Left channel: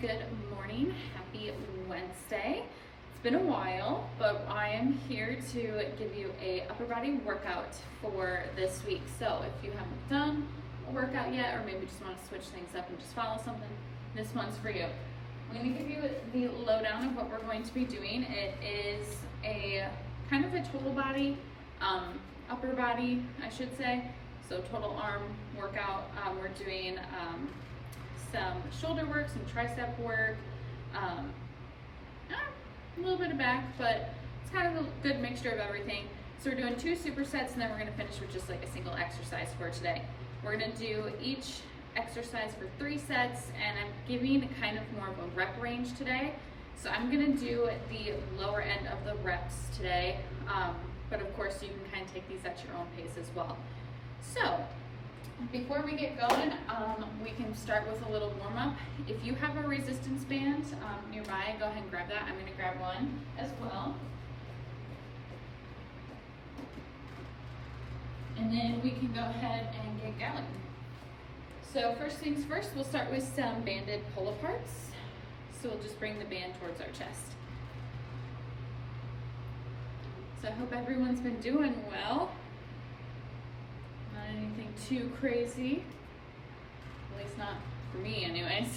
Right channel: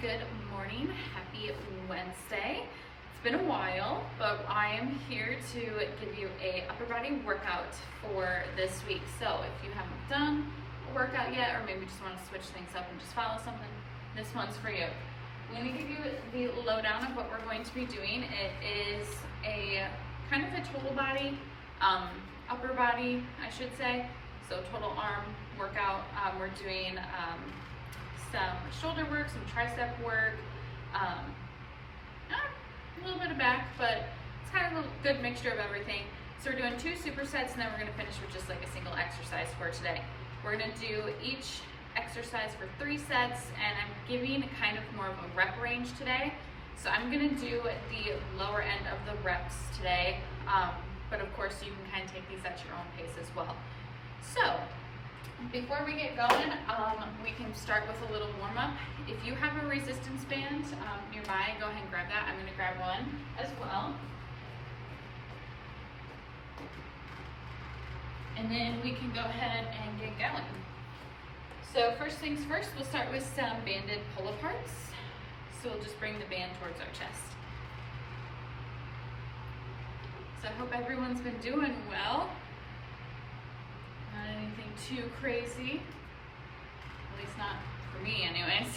Good morning, happy Wednesday. It's been a while, but I am here to give you a upper body workout for this week. So if you haven't done a workout yet, or maybe just want to switch things up and just follow something, this one's for you. I'm going to give you the lowdown of what we're going to be doing. It is a kind of a total body, upper body, I should say. So total arm workout. We're doing some shoulder work, some tricep work, a little bit of back, but it's kind of a good mixture of everything. So we're doing 2 supersets, and then we're going to finish with just like a single exercise for today. We're going to do each exercise for 3 sets, and I'm giving kind of more of a rep range today. So I'm going to do the lower end of the reps today, but of course you can kind of take these at your own pace as well. So before we get going, we can start with a little warm-up. If you have a resistance band nearby, go ahead and grab that. I'm going to grab one as well. And then we can go ahead and get going. So first things first, we'll start with some banded pull-aparts. So we'll just bring the band towards our chest. So I hope everyone's been doing well. Not anything too crazy, at least not for me anyways.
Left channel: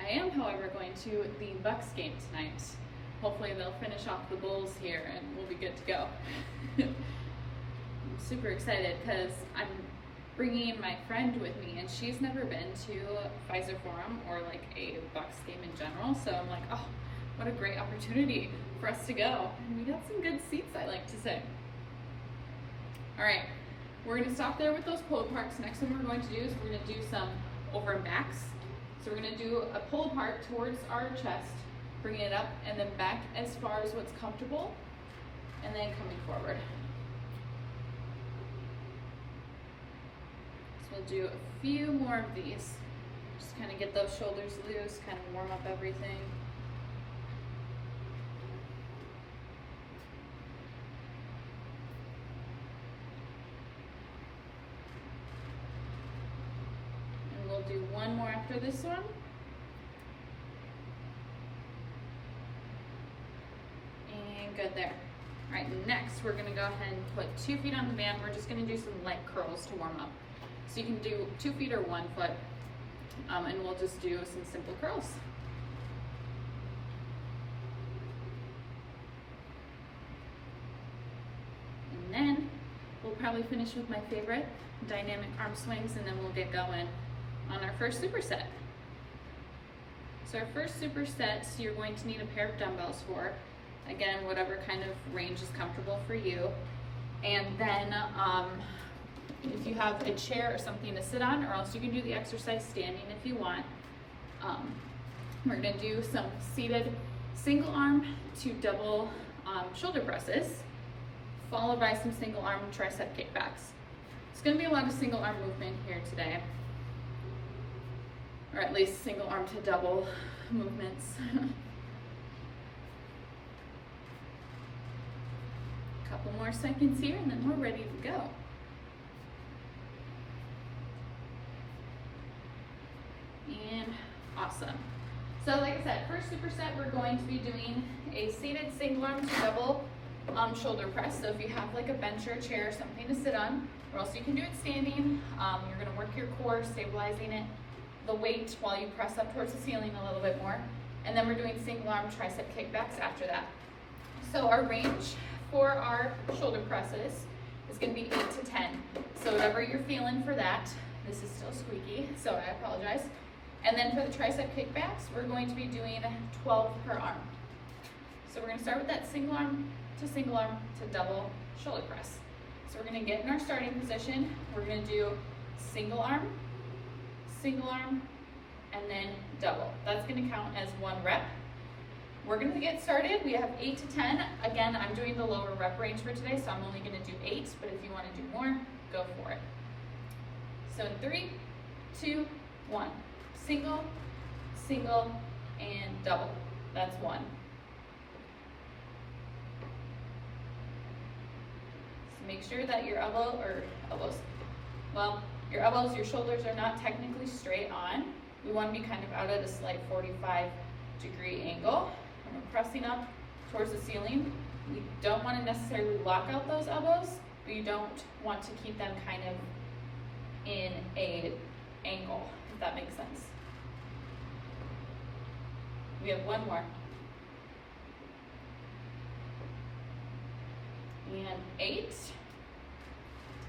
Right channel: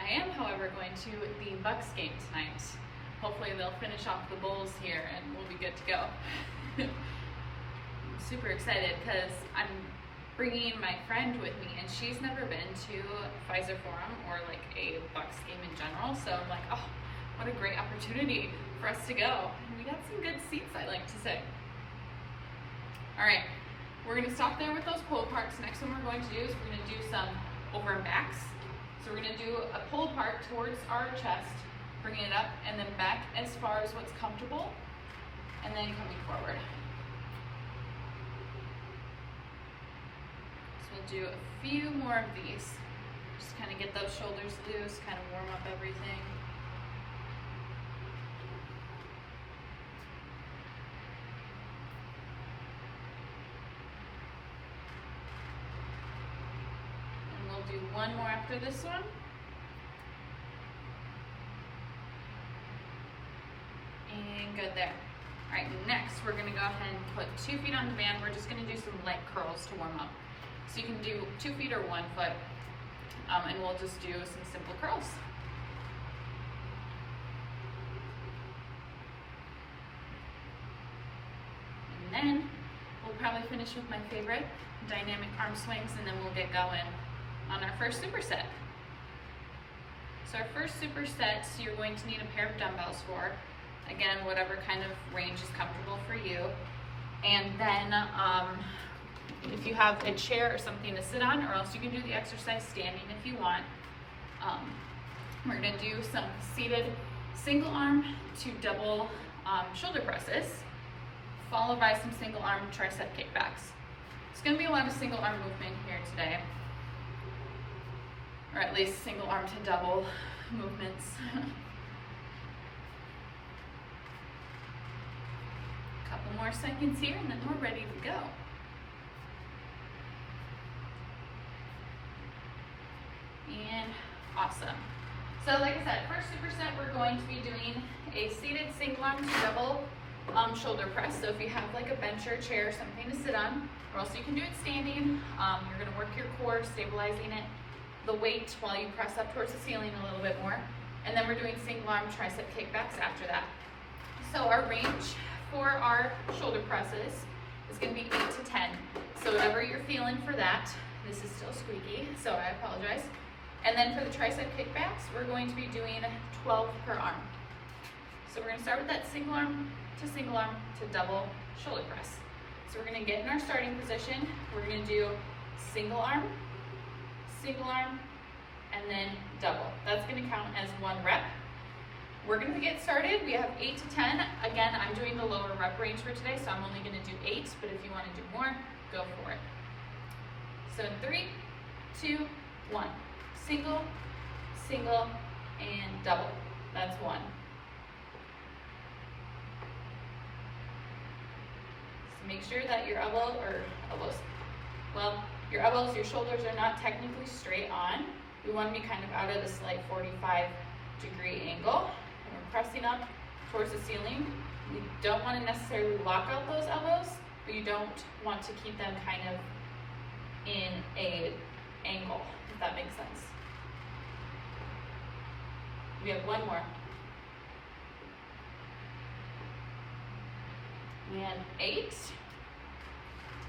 I am, however, going to the Bucks game tonight. Hopefully they'll finish off the Bulls here and we'll be good to go. I'm super excited because I'm bringing my friend with me, and she's never been to Pfizer Forum or like a Bucks game in general, so I'm like, oh, what a great opportunity for us to go. And we got some good seats, I like to say. All right, we're gonna stop there with those pull aparts. Next one we're going to do is we're gonna do some over and backs. So we're gonna do a pull apart towards our chest, bringing it up and then back as far as what's comfortable, and then coming forward. So we'll do a few more of these. Just kind of get those shoulders loose, kind of warm up everything. Do one more after this one. And good there. All right, next we're gonna go ahead and put 2 feet on the band. We're just gonna do some leg curls to warm up. So you can do 2 feet or 1 foot, and we'll just do some simple curls. And then we'll probably finish with my favorite, dynamic arm swings, and then we'll get going on our first superset. So our first superset, you're going to need a pair of dumbbells for, again, whatever kind of range is comfortable for you. And then if you have a chair or something to sit on, or else you can do the exercise standing if you want. We're gonna do some seated single arm to double shoulder presses, followed by some single arm tricep kickbacks. It's gonna be a lot of single arm movement here today, or at least single arm to double movements. A couple more seconds here and then we're ready to go. And awesome. So like I said, first superset, we're going to be doing a seated single arm to double shoulder press. So if you have like a bench or a chair or something to sit on, or else you can do it standing, you're gonna work your core, stabilizing it, the weight while you press up towards the ceiling a little bit more. And then we're doing single arm tricep kickbacks after that. So our range for our shoulder presses is gonna be 8 to 10. So whatever you're feeling for that, this is still squeaky, so I apologize. And then for the tricep kickbacks, we're going to be doing 12 per arm. So we're gonna start with that single arm to double shoulder press. So we're gonna get in our starting position. We're gonna do single arm, and then double. That's gonna count as 1 rep. We're gonna get started. We have 8 to 10. Again, I'm doing the lower rep range for today, so I'm only gonna do 8, but if you wanna do more, go for it. So in 3, 2, 1. Single, and double. That's 1. So make sure that your your elbows, your shoulders are not technically straight on. We want to be kind of out at a slight 45-degree angle, and we're pressing up towards the ceiling. We don't want to necessarily lock out those elbows, but you don't want to keep them kind of in an angle, if that makes sense. We have one more. And 8.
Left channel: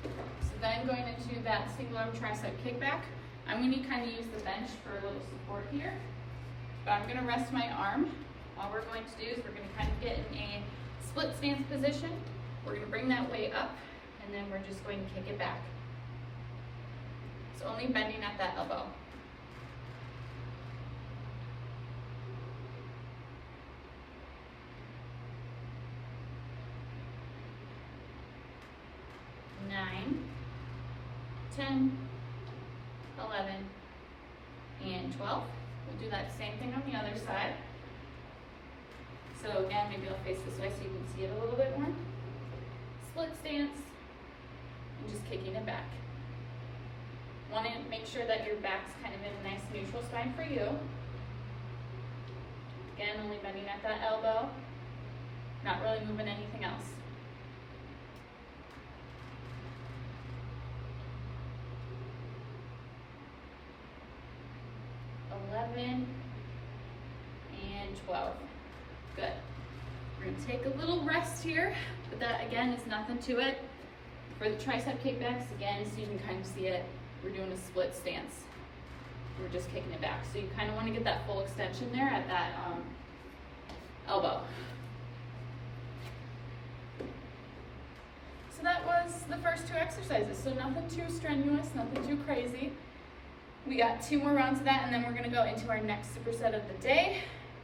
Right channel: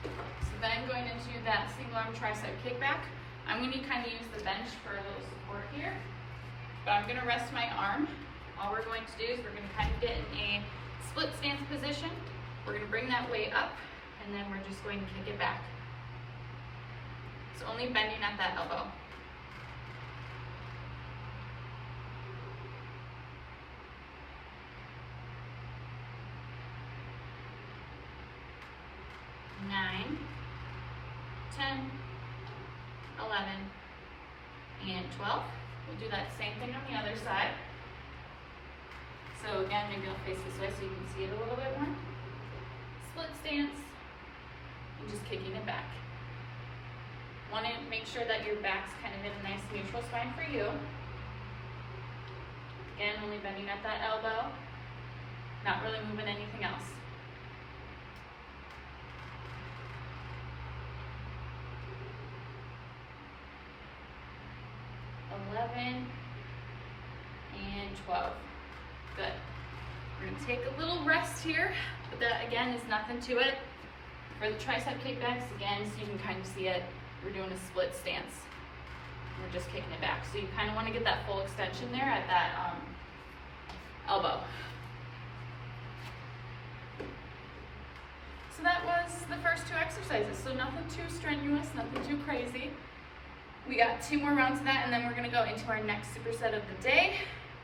So then going into that single arm tricep kickback, I'm going to kind of use the bench for a little support here, but I'm going to rest my arm. All we're going to do is we're going to kind of get in a split stance position. We're going to bring that weight up, and then we're just going to kick it back. It's only bending at that elbow. Nine, 10, 11, and 12. We'll do that same thing on the other side. So again, maybe I'll face this way so you can see it a little bit more. Split stance, and just kicking it back. Want to make sure that your back's kind of in a nice neutral spine for you. Again, only bending at that elbow, not really moving anything else. 11 and 12. Good. We're going to take a little rest here, but that again is nothing to it. For the tricep kickbacks, again, so you can kind of see it, we're doing a split stance. We're just kicking it back. So you kind of want to get that full extension there at that elbow. So that was the first 2 exercises. So nothing too strenuous, nothing too crazy. We got 2 more rounds of that, and then we're gonna go into our next superset of the day.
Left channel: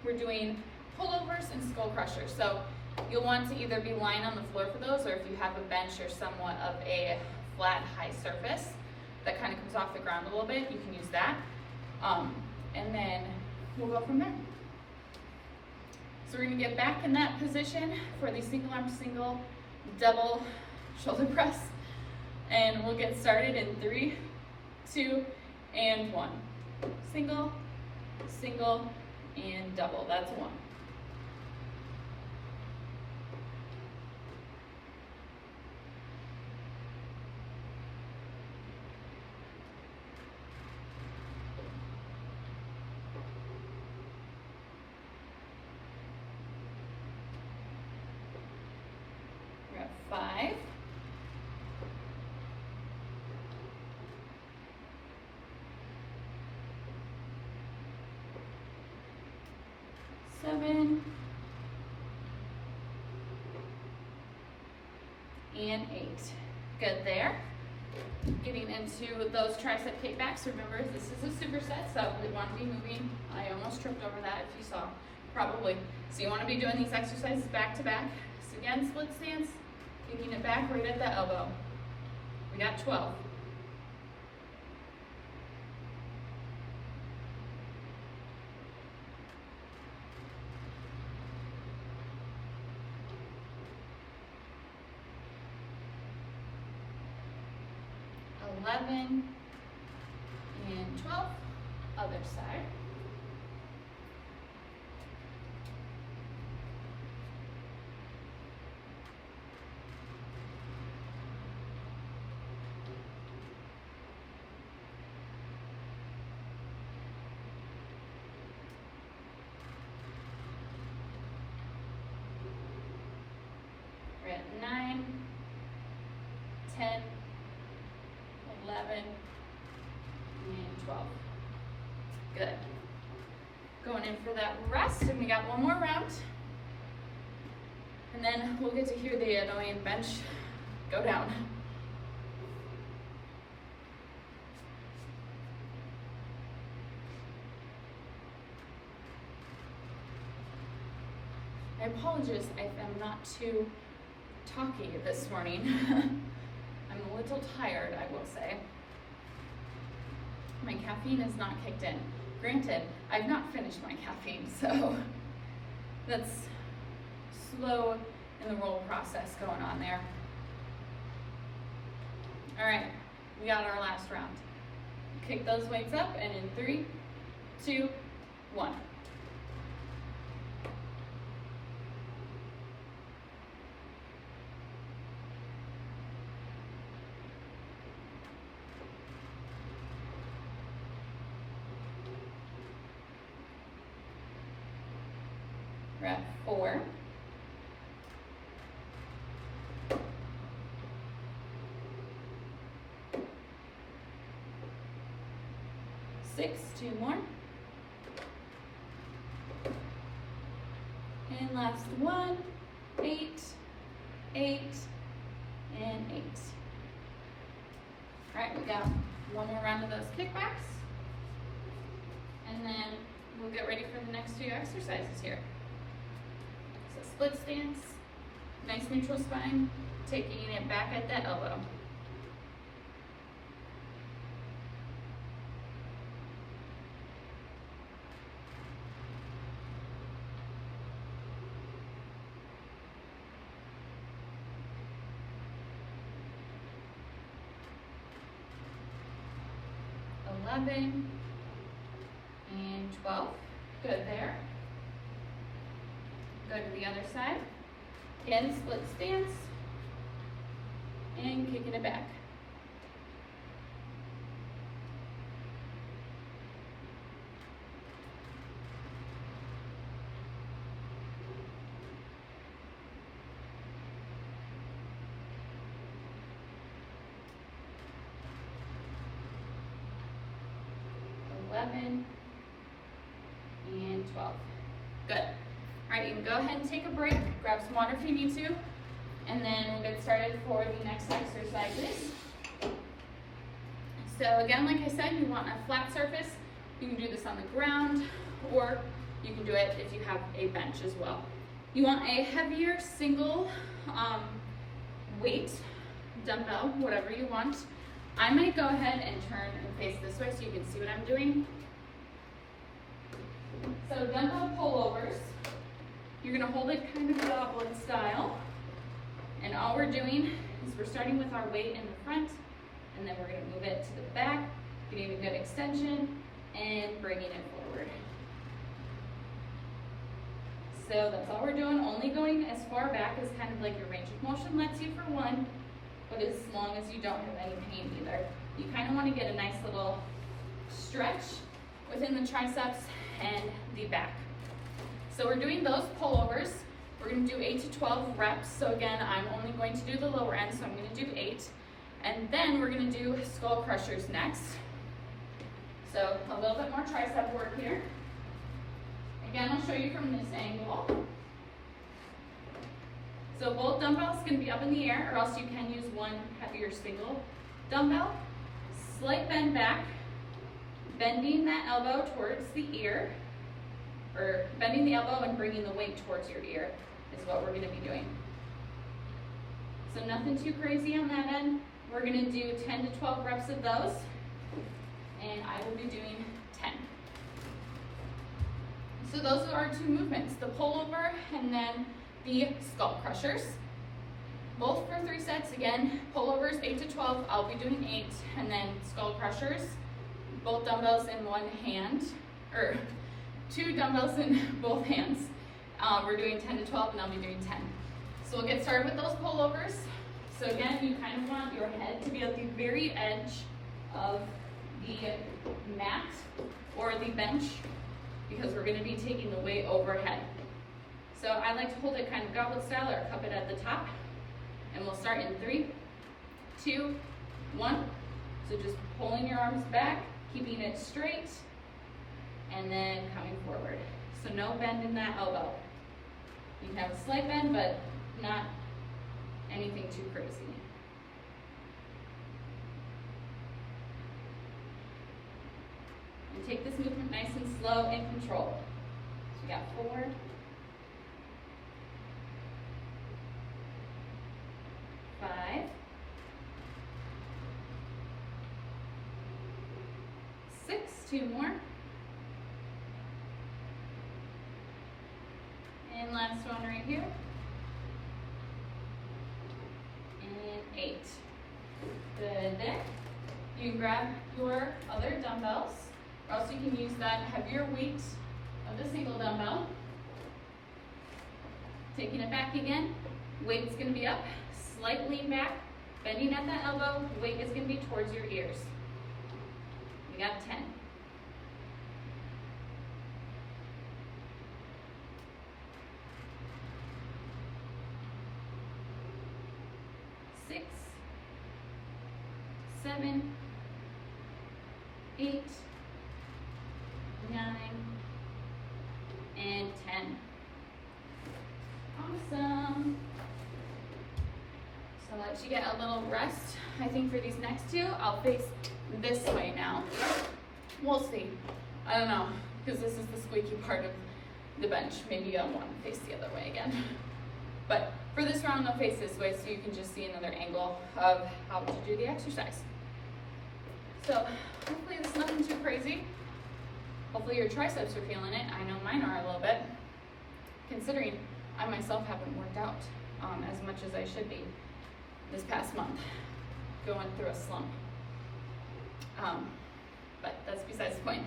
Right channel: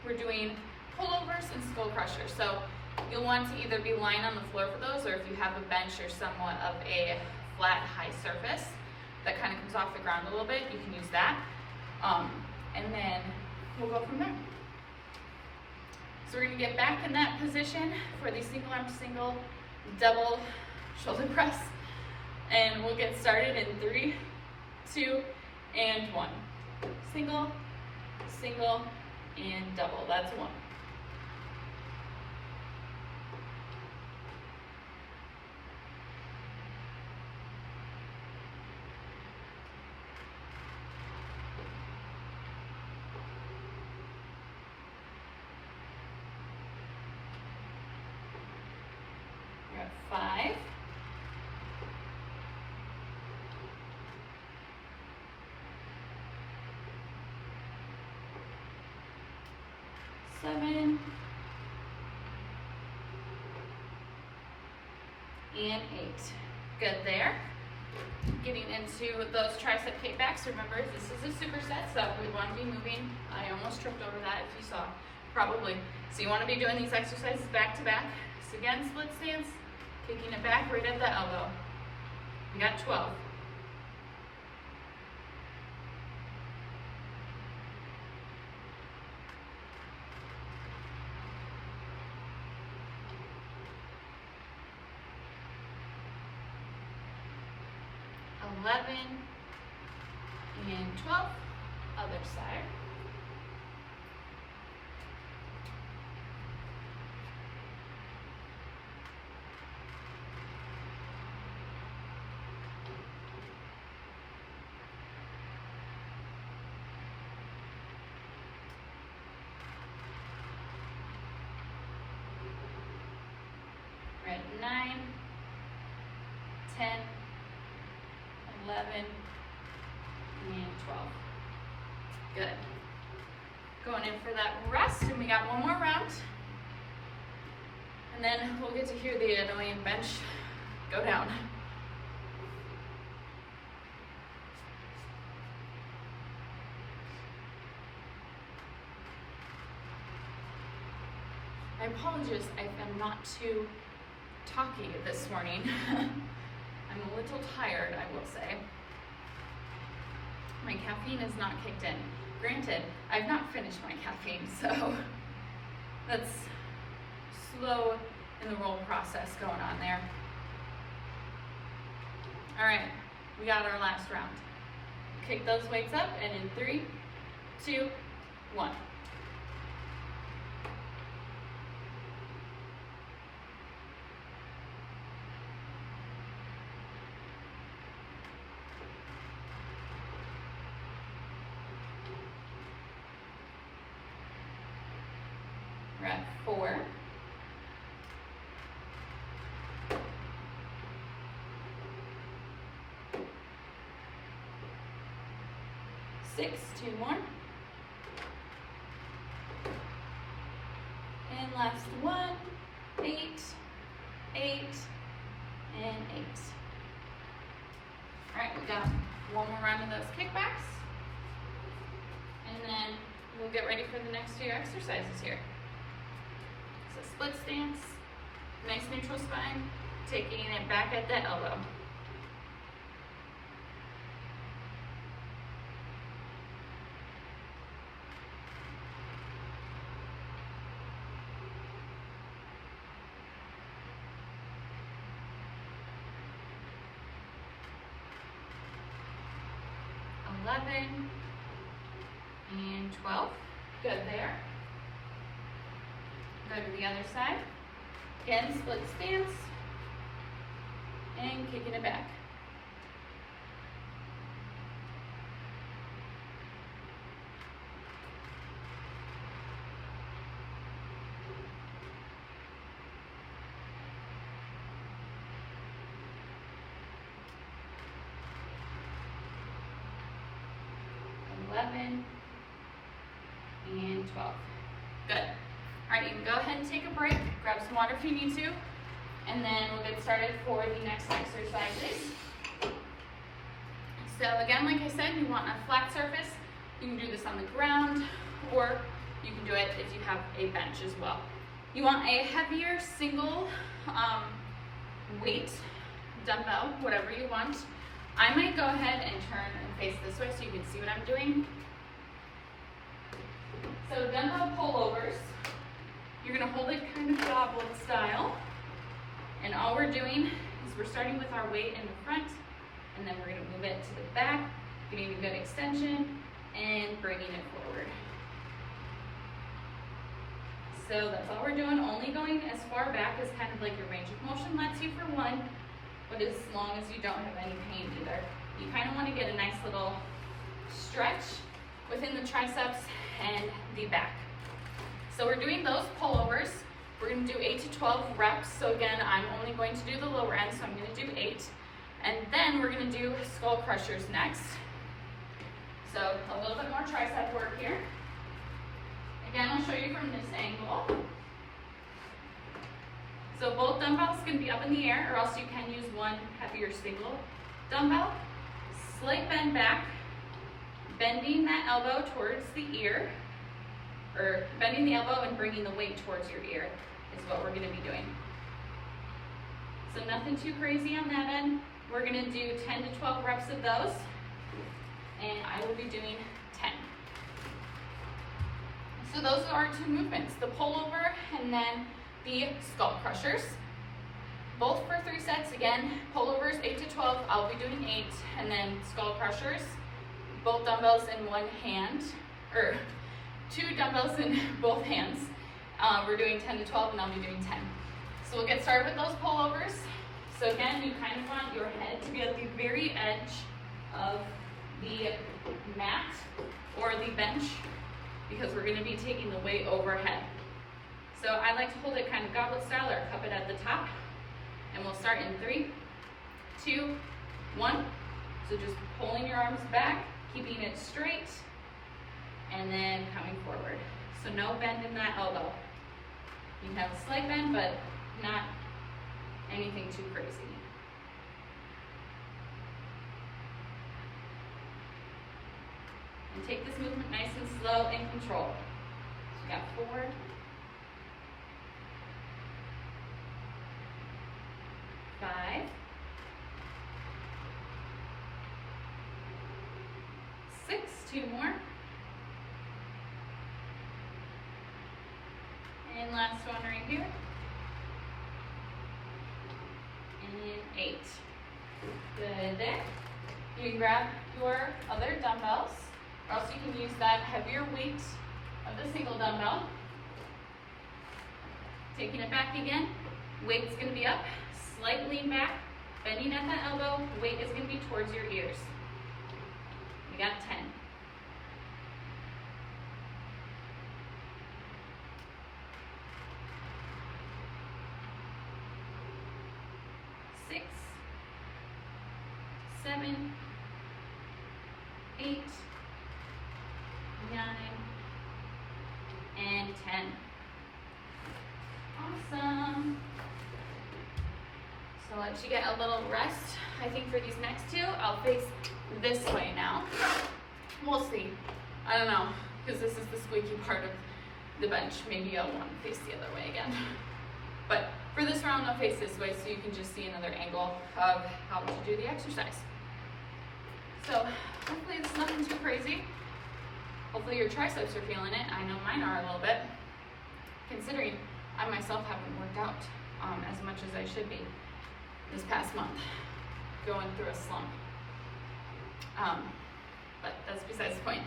We're doing pullovers and skull crushers. So you'll want to either be lying on the floor for those, or if you have a bench or somewhat of a flat, high surface that kind of comes off the ground a little bit, you can use that. And then we'll go from there. So we're gonna get back in that position for the single arm, single, double shoulder press. And we'll get started in 3, 2, and 1. Single, single, and double. That's 1. We're at 5. 7 and 8. Good there. Getting into those tricep kickbacks. Remember, this is a superset, so we want to be moving. I almost tripped over that if you saw, probably. So you want to be doing these exercises back to back. So again, split stance, kicking it back right at the elbow. We got 12. 11 and 12, other side. We're at 9, 10, 11, and 12. Good. Going in for that rest, and we got 1 more round. And then we'll get to hear the annoying bench go down. I apologize if I'm not too talky this morning. I'm a little tired, I will say. My caffeine is not kicked in. Granted, I've not finished my caffeine, so that's slow in the roll process going on there. All right, we got our last round. Kick those weights up, and in 3, 2, 1. We're at 4. 6, 2 more. And last one, 8, 8, and 8. All right, we got one more round of those kickbacks. And then we'll get ready for the next few exercises here. So split stance, nice neutral spine, taking it back at the elbow. And 12. Good there. Go to the other side. Again, split stance. And kicking it back. And 12. Good. All right, you can go ahead and take a break, grab some water if you need to, and then we'll get started for the next exercises. So again, like I said, you want a flat surface. You can do this on the ground, or you can do it if you have a bench as well. You want a heavier single weight dumbbell, whatever you want. I might go ahead and turn and face this way so you can see what I'm doing. So dumbbell pullovers, you're gonna hold it kind of goblin style. And all we're doing is we're starting with our weight in the front, and then we're gonna move it to the back, getting a good extension, and bringing it forward. So that's all we're doing, only going as far back as kind of like your range of motion lets you for one, but as long as you don't have any pain either. You kind of want to get a nice little stretch within the triceps and the back. So we're doing those pullovers. We're going to do 8 to 12 reps. So again, I'm only going to do the lower end, so I'm going to do 8. And then we're going to do skull crushers next. So a little bit more tricep work here. Again, I'll show you from this angle. So both dumbbells can be up in the air, or else you can use one heavier single dumbbell. Slight bend back, bending that elbow towards the ear, or bending the elbow and bringing the weight towards your ear is what we're going to be doing. So nothing too crazy on that end. We're going to do 10 to 12 reps of those, and I will be doing 10. So those are our 2 movements, the pullover and then the skull crushers. Both for 3 sets. Again, pullovers 8 to 12, I'll be doing 8, and then skull crushers, both dumbbells in one hand, or 2 dumbbells in both hands. We're doing 10 to 12, and I'll be doing 10. So we'll get started with those pullovers. So again, you kind of want your head to be at the very edge of the mat or the bench, because we're going to be taking the weight overhead. So I like to hold it kind of goblet style, or cup it at the top. And we'll start in 3, 2, 1. So just pulling your arms back, keeping it straight, and then coming forward. So no bend in that elbow. You can have a slight bend, but not anything too crazy. And take this movement nice and slow and controlled. So we got 4, 5, 6, 2 more, and last one right here, and 8. Good there. You can grab your other dumbbells, Or else you can use that heavier weight of the single dumbbell. Taking it back again, weight is going to be up, slight lean back, bending at the elbow, weight is going to be towards your ears. We got 10. 6, 7, 8, 9, and 10. Awesome. So I'll let you get a little rest. I think for these next two, I'll face this way now. We'll see. I don't know, because this is the squeaky part of the bench. Maybe I'll want to face the other way again. But for this round, I'll face this way so you can just see another angle of how to do the exercise. So hopefully this is nothing too crazy. Hopefully your triceps are feeling it. I know mine are a little bit, considering I myself haven't worked out as much as I should be this past month, going through a slump. But that's besides the point.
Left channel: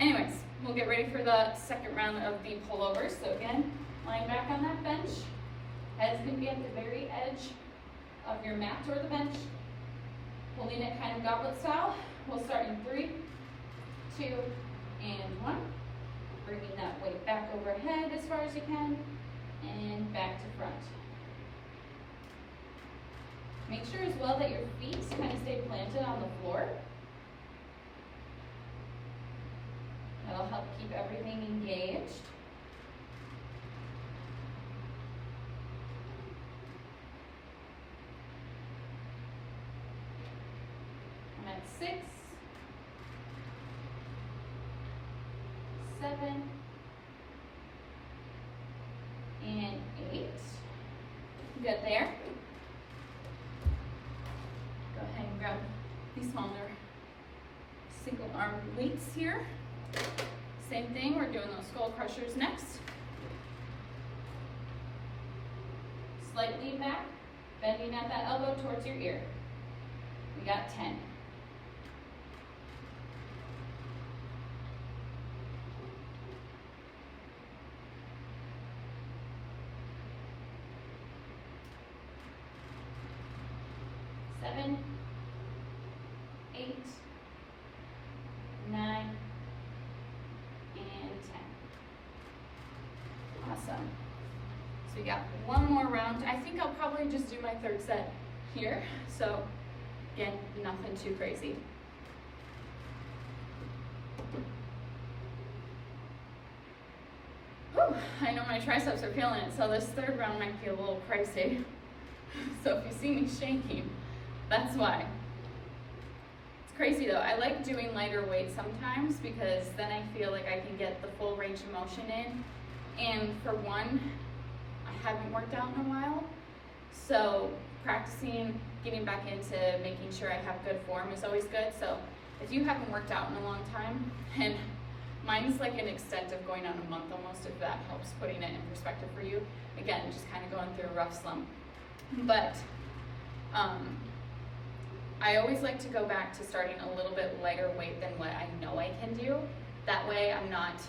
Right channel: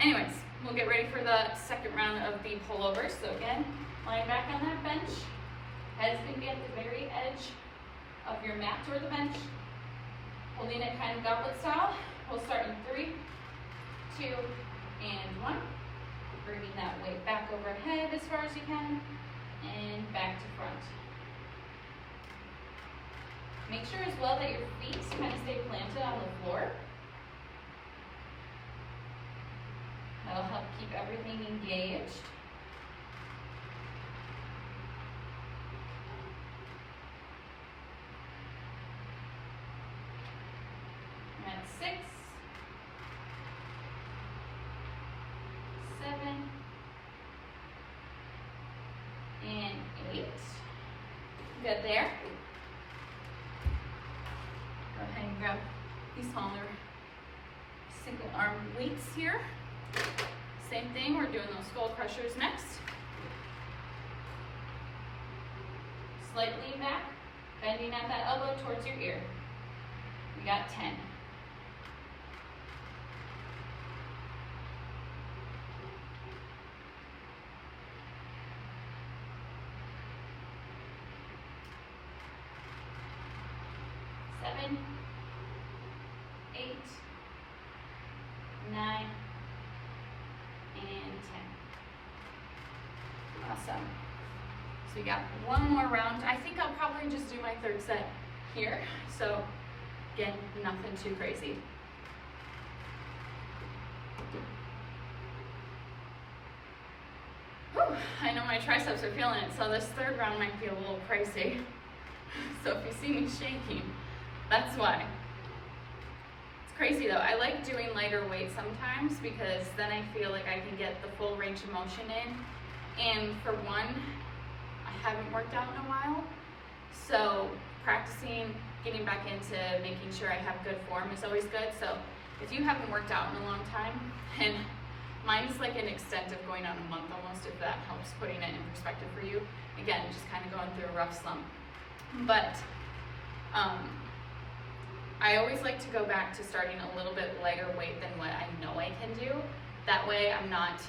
Anyways, we'll get ready for the second round of the pullovers. So again, lying back on that bench. Head's going to be at the very edge of your mat or the bench. Holding it kind of goblet style. We'll start in 3, 2, and 1. Bringing that weight back overhead as far as you can, and back to front. Make sure as well that your feet kind of stay planted on the floor. That'll help keep everything engaged. I'm at 6, 7, and 8. Good there. Go ahead and grab these smaller single arm weights here. Same thing, we're doing those skull crushers next. Slightly back, bending at that elbow towards your ear. We got 10. 7, 8, 9, and 10. Awesome. So we got one more round. I think I'll probably just do my third set here. So again, nothing too crazy. Whew, I know my triceps are feeling it, so this third round might be a little crazy. So if you see me shaking, that's why. It's crazy though. I like doing lighter weight sometimes because then I feel like I can get the full range of motion in. And for one, I haven't worked out in a while. So practicing, getting back into making sure I have good form is always good. So if you haven't worked out in a long time, and mine's like an extent of going on a month almost, if that helps putting it in perspective for you. Again, just kind of going through a rough slump. But I always like to go back to starting a little bit lighter weight than what I know I can do. That way I'm not,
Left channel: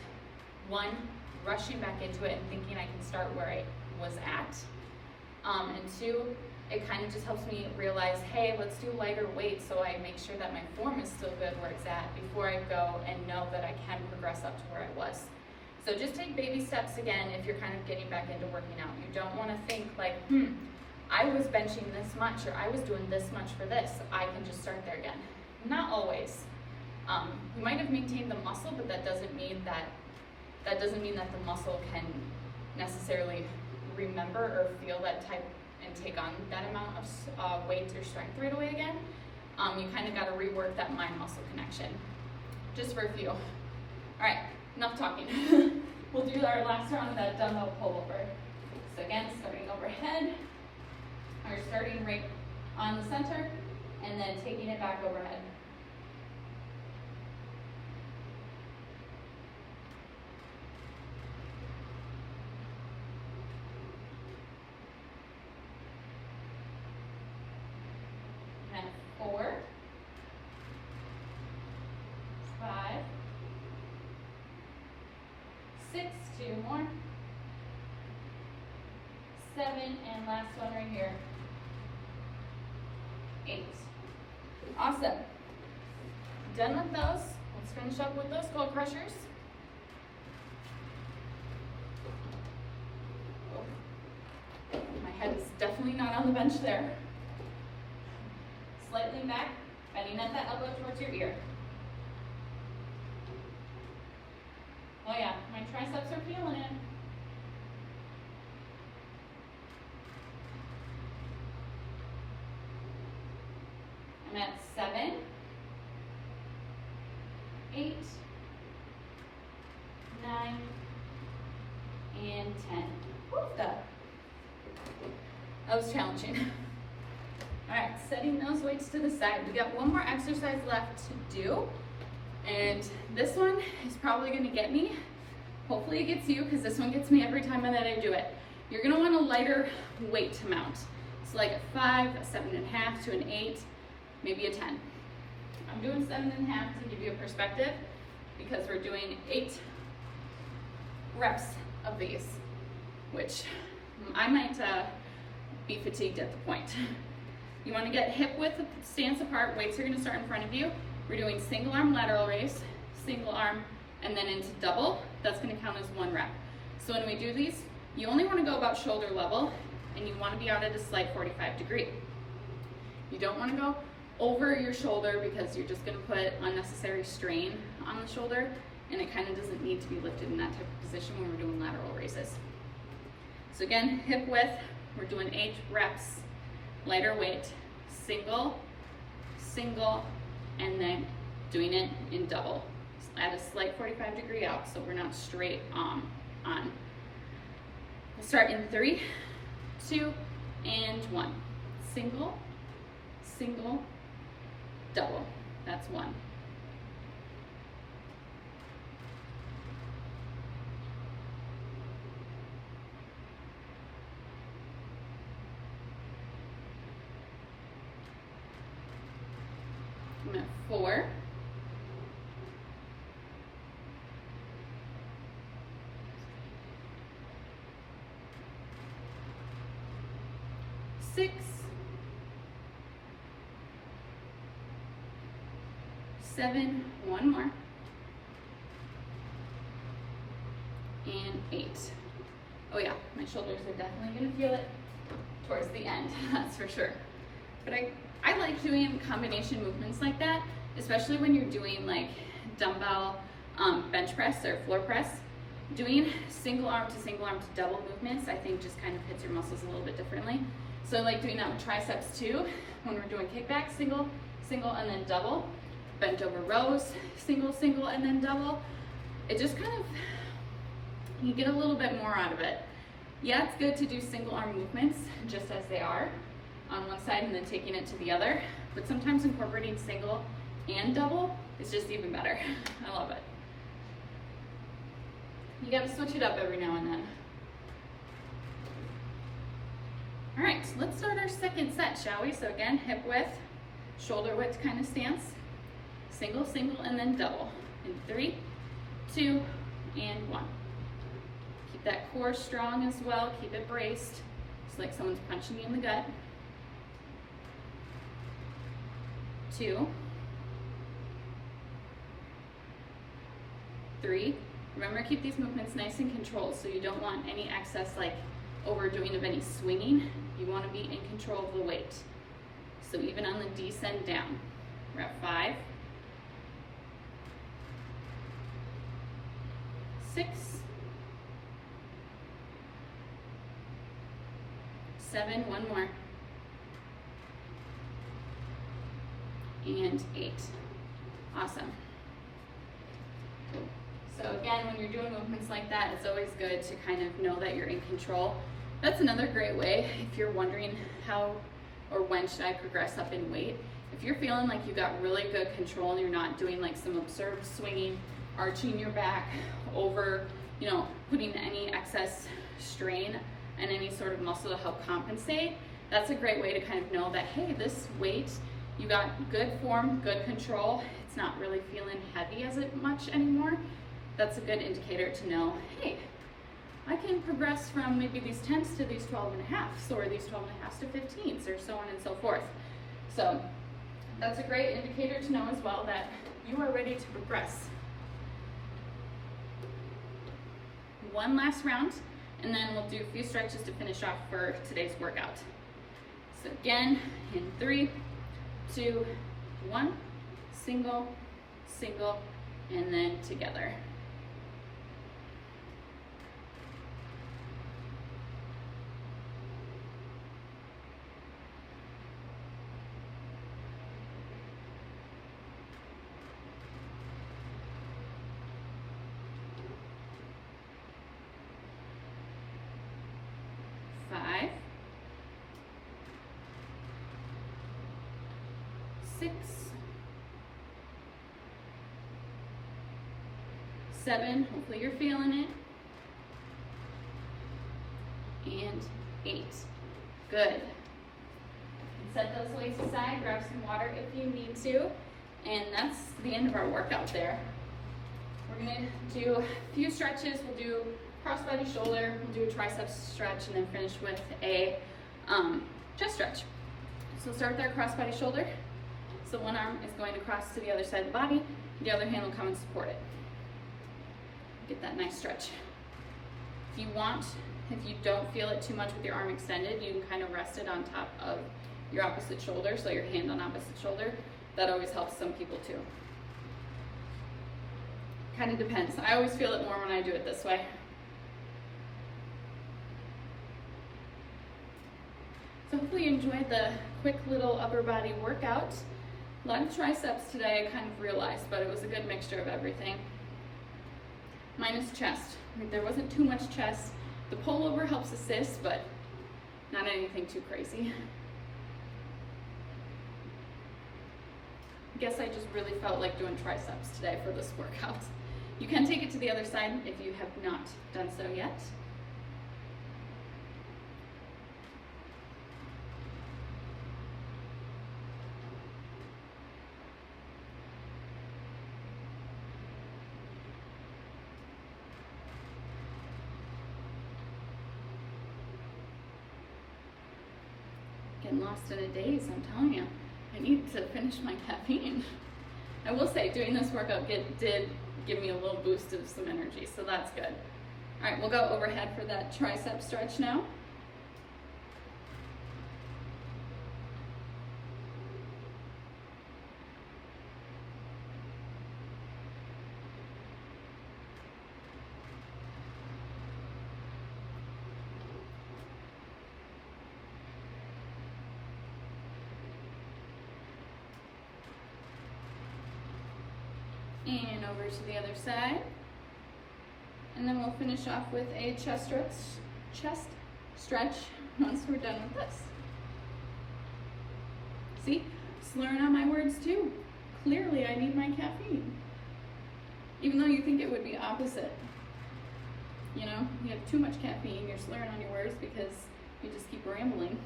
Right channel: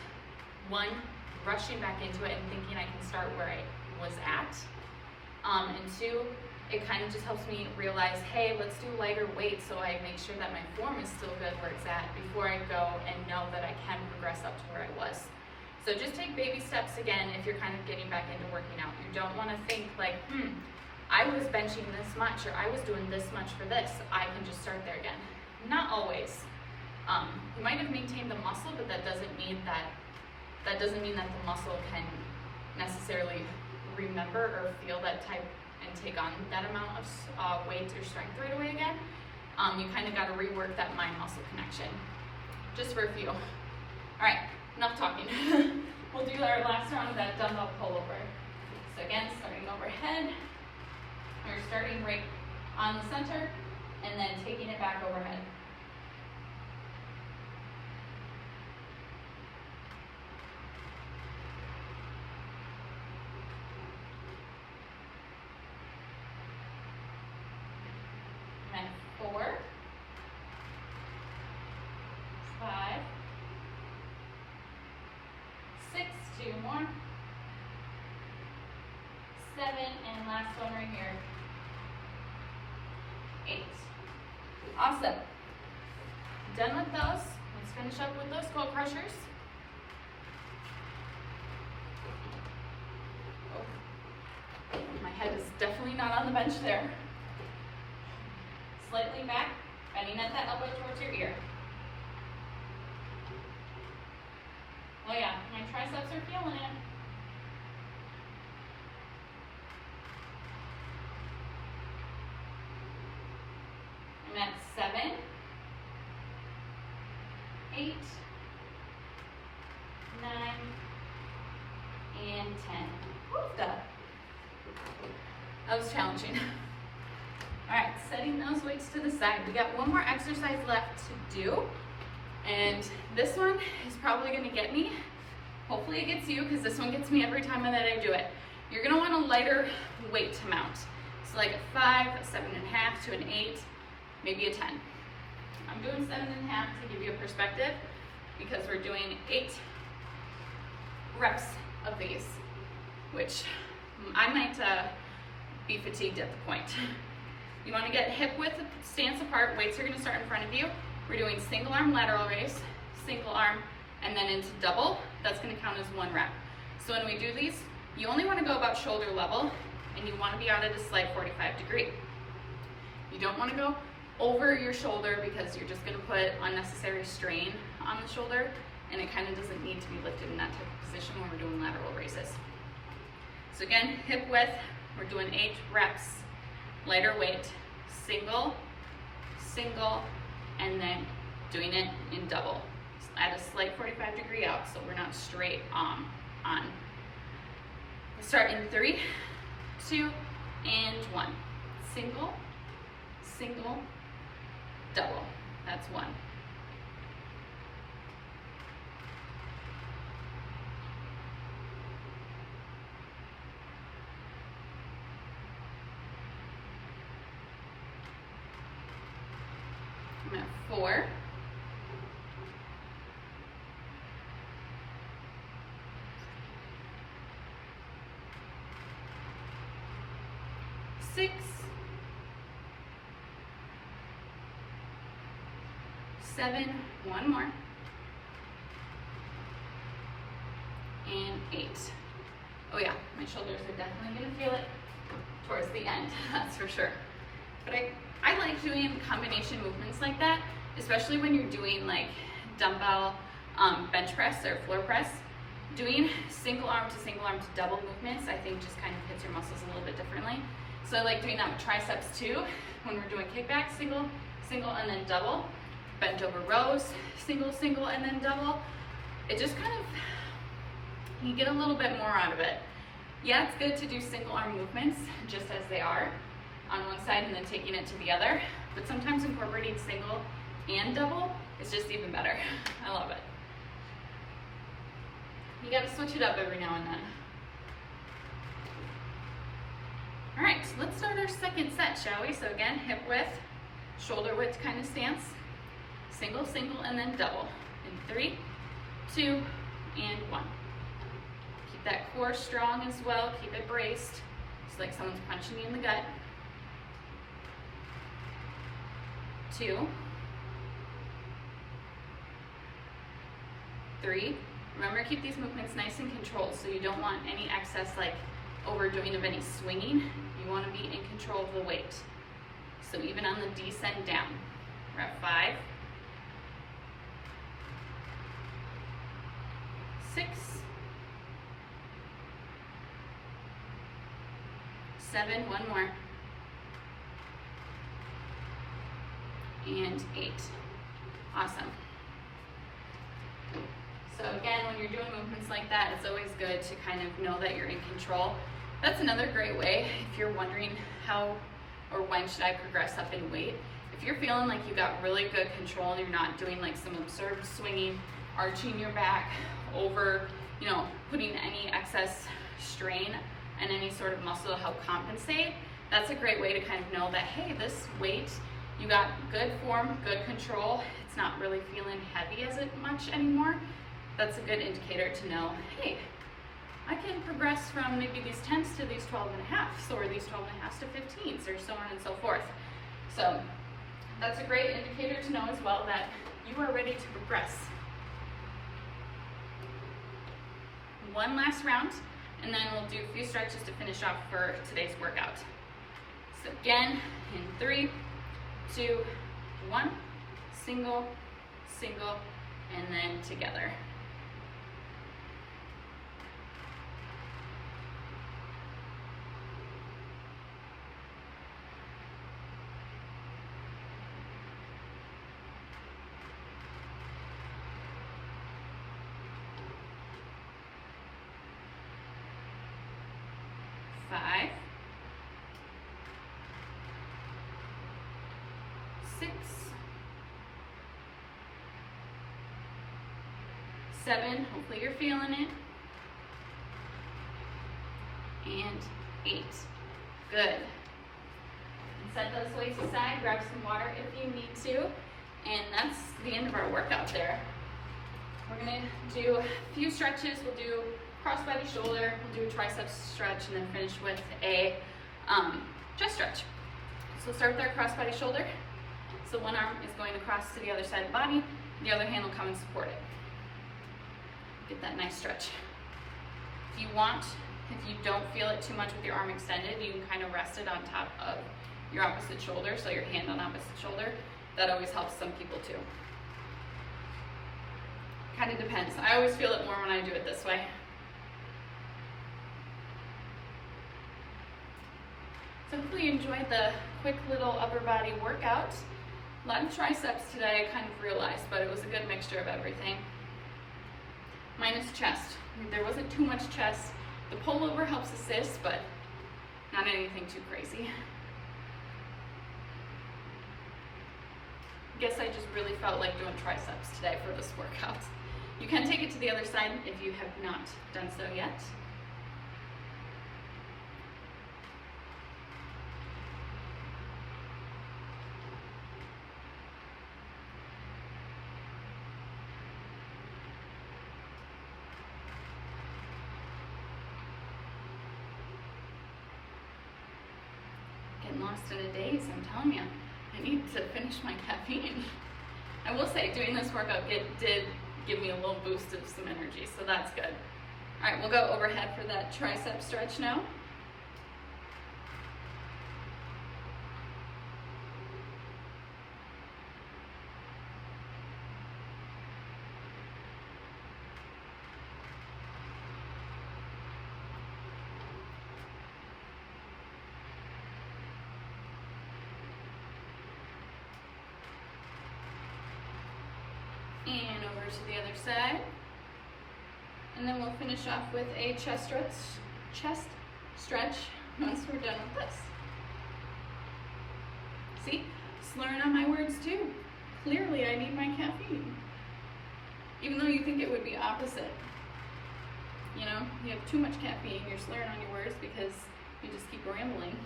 one, rushing back into it and thinking I can start where I was at. And two, it kind of just helps me realize, hey, let's do lighter weight so I make sure that my form is still good where it's at before I go and know that I can progress up to where I was. So just take baby steps again if you're kind of getting back into working out. You don't want to think like, I was benching this much or I was doing this much for this. I can just start there again. Not always. You might have maintained the muscle, but that doesn't mean that the muscle can necessarily remember or feel that type and take on that amount of weight or strength right away again. You kind of got to rework that mind-muscle connection. Just for a few. All right, enough talking. We'll do our last round of that dumbbell pullover. So again, starting overhead. We're starting right on the center and then taking it back overhead. And 4, 5, 6, 2 more. 7, and last one right here. 8. Awesome. Done with those. Let's finish up with those goal crushers. Oh, my head is definitely not on the bench there. Slightly back, bending at that elbow towards your ear. Oh yeah, my triceps are feeling it. I'm at 7, 8, 9, and 10. Woo, that was challenging. All right, setting those weights to the side. We got one more exercise left to do. And this one is probably gonna get me. Hopefully it gets you, because this one gets me every time that I do it. You're gonna want a lighter weight to mount. So like a 5, a 7.5 to an 8, maybe a 10. I'm doing 7.5 to give you a perspective, because we're doing 8 reps of these, which I might be fatigued at the point. You wanna get hip width stance apart, weights are gonna start in front of you. We're doing single arm lateral raise, single arm, and then into double. That's gonna count as 1 rep. So when we do these, you only wanna go about shoulder level, and you wanna be out at a slight 45 degree. You don't wanna go over your shoulder, because you're just gonna put unnecessary strain on the shoulder, and it kinda doesn't need to be lifted in that type of position when we're doing lateral raises. So again, hip width, we're doing 8 reps, lighter weight, single, single, and then doing it in double at a slight 45 degree out, so we're not straight on. Start in 3, 2, and 1. Single, single, double. That's 1. I'm at 4. 6, 7, 1 more, and 8. Oh yeah, my shoulders are definitely gonna feel it towards the end, that's for sure. But I like doing combination movements like that, especially when you're doing like dumbbell bench press or floor press. Doing single arm to double movements, I think just kind of hits your muscles a little bit differently. So I like doing that with triceps too, when we're doing kickback, single, single, and then double. Bent over rows, single, single, and then double. It just kind of, you get a little bit more out of it. Yeah, it's good to do single arm movements just as they are on one side and then taking it to the other, but sometimes incorporating single and double is just even better. I love it. You gotta switch it up every now and then. All right, so let's start our second set, shall we? So again, hip width, shoulder width kind of stance. Single, single, and then double. In 3, 2, and 1. Keep that core strong as well. Keep it braced. It's like someone's punching you in the gut. 2, 3. Remember, keep these movements nice and controlled, so you don't want any excess like overdoing of any swinging. You want to be in control of the weight. So even on the descend down, we're at 5, 6, 7, 1 more, and 8. Awesome. So again, when you're doing movements like that, it's always good to kind of know that you're in control. That's another great way if you're wondering how or when should I progress up in weight. If you're feeling like you got really good control and you're not doing like some absurd swinging, arching your back over, you know, putting any excess strain and any sort of muscle to help compensate, that's a great way to kind of know that, hey, this weight, you got good form, good control. It's not really feeling heavy as much anymore. that's a good indicator to know, hey, I can progress from maybe these 10s to these 12.5s, or these 12.5s to 15s, or so on and so forth. So that's a great indicator to know as well that you are ready to progress. One last round, and then we'll do a few stretches to finish off for today's workout. So again, in 3, 2, 1, single, single, and then together. 5, 6, 7, hopefully you're feeling it, and 8. Good. And set those weights aside, grab some water if you need to, and that's the end of our workout there. We're gonna do a few stretches. We'll do cross-body shoulder, we'll do a triceps stretch, and then finish with a chest stretch. So we'll start with our cross-body shoulder. So one arm is going across to the other side of the body, the other hand will come and support it. Get that nice stretch. If you want, if you don't feel it too much with your arm extended, you can kind of rest it on top of your opposite shoulder, so your hand on opposite shoulder. That always helps some people too. Kind of depends. I always feel it more when I do it this way. So hopefully you enjoyed the quick little upper body workout. A lot of triceps today, I kind of realized, but it was a good mixture of everything. Minus chest. There wasn't too much chest. The pullover helps assist, but not anything too crazy. I guess I just really felt like doing triceps today for this workout. You can take it to the other side if you have not done so yet. Getting lost in a daze, I'm telling you. I need to finish my caffeine. I will say, doing this workout did give me a little boost of some energy, so that's good. All right, we'll go overhead for that tricep stretch now. And over to the other side. And then we'll finish off with a chest stretch once we're done with this. See, slurring on my words too. Clearly I need my caffeine. Even though you think it would be opposite. You know, you have too much caffeine, you're slurring on your words because you just keep rambling.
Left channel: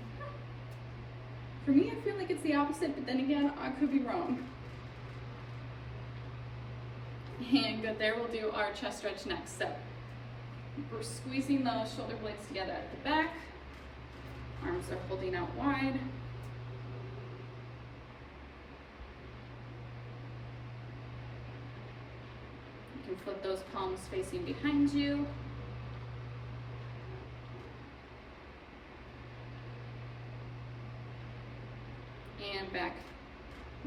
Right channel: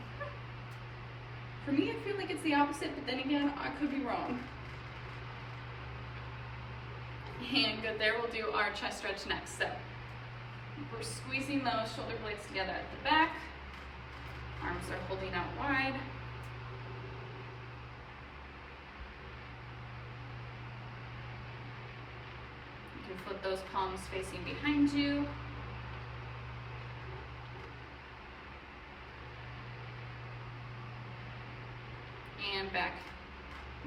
For me, I feel like it's the opposite, but then again, I could be wrong. And good, there we'll do our chest stretch next. So we're squeezing those shoulder blades together at the back. Arms are holding out wide. You can flip those palms facing behind you. And back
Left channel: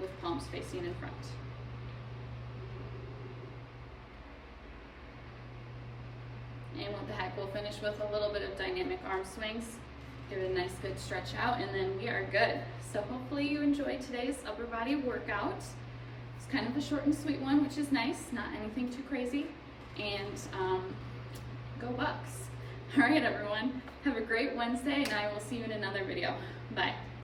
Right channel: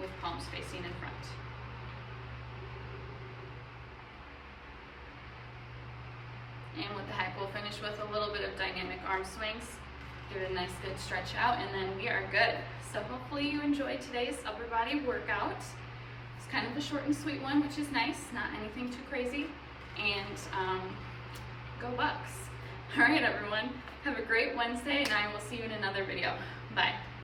with palms facing in front. And with the heck, we'll finish with a little bit of dynamic arm swings. Give it a nice good stretch out, and then we are good. So hopefully you enjoyed today's upper body workout. It's kind of a short and sweet one, which is nice, not anything too crazy. And go Bucks. All right, everyone. Have a great Wednesday, and I will see you in another video. Bye.